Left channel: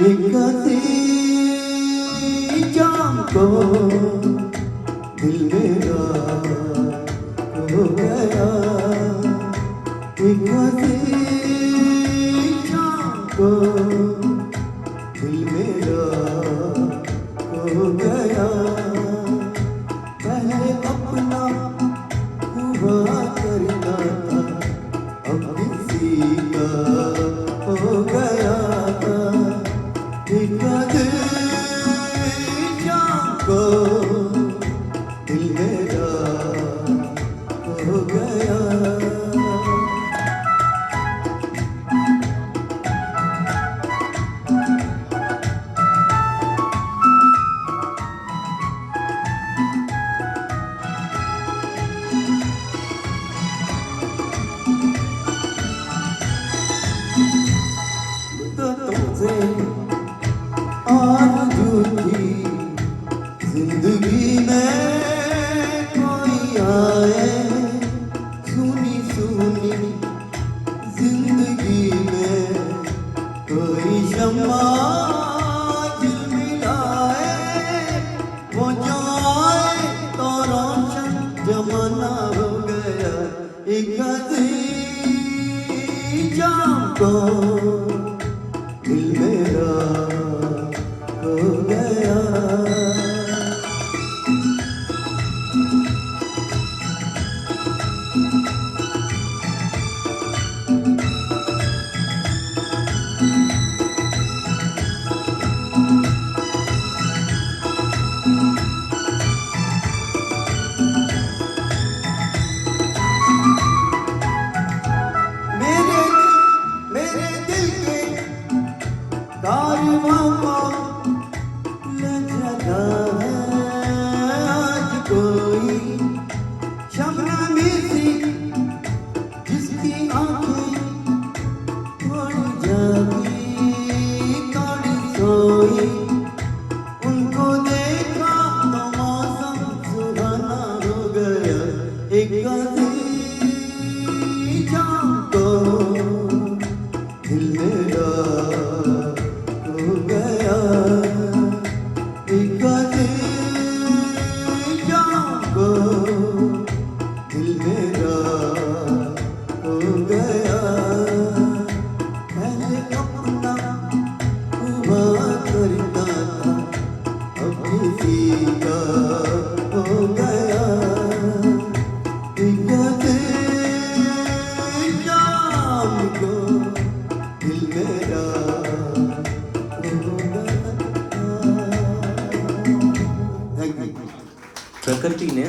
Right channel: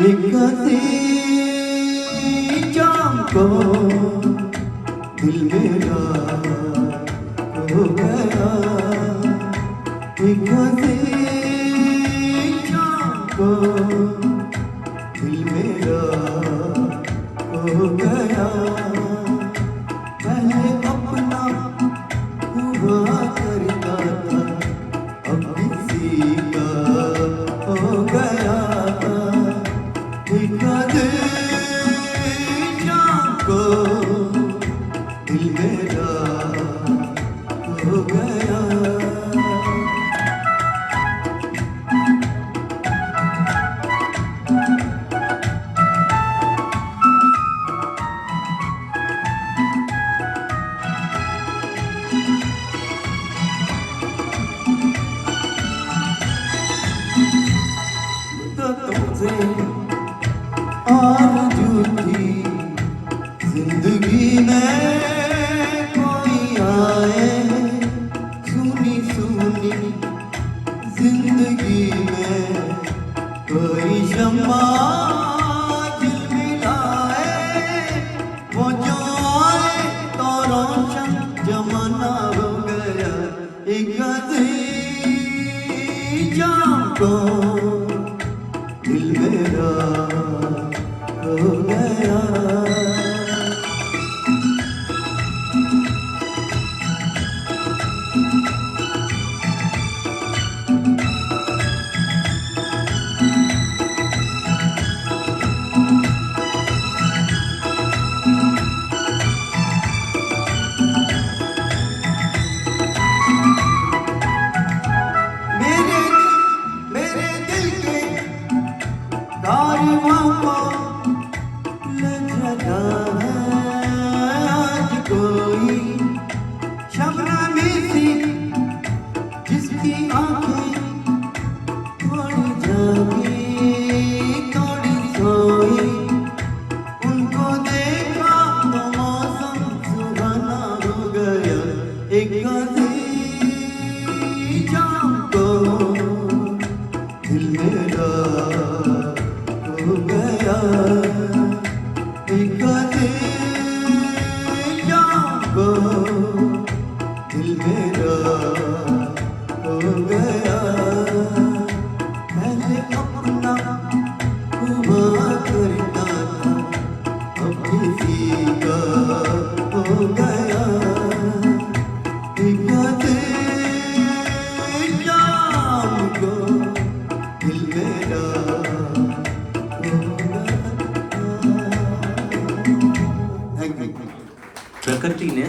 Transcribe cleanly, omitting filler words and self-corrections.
एक हंसी जाम को दिल मेरा हो गया एक हंसी जाम को दिल मेरा हो गया मैंने अपना हुआ करता था अब किसी का हो गया था एक दिल को दिल मेरा हो गया तुमसे आरज़ू थी जिंदगी में कोई आए सुनी सुनी जिंदगी में कोई शम्मा दिल मिलाए वो जो आए तो रोशन जमाना हो गया एक जाम को दिल मेरा हो गया मेरे दिल के कारवां को लगा है आज कोई शबनमी सी जिसकी आंखें थोड़ी जागी थोड़ी सोई उनको देखा तो मौसम सुहाना हो गया एक जाम को दिल मेरा हो गया एक जाम को दिल मेरा हो गया मैंने अपना हुआ करता था अब किसी का हो गया एक जाम को दिल मेरा પ્રકૃતિને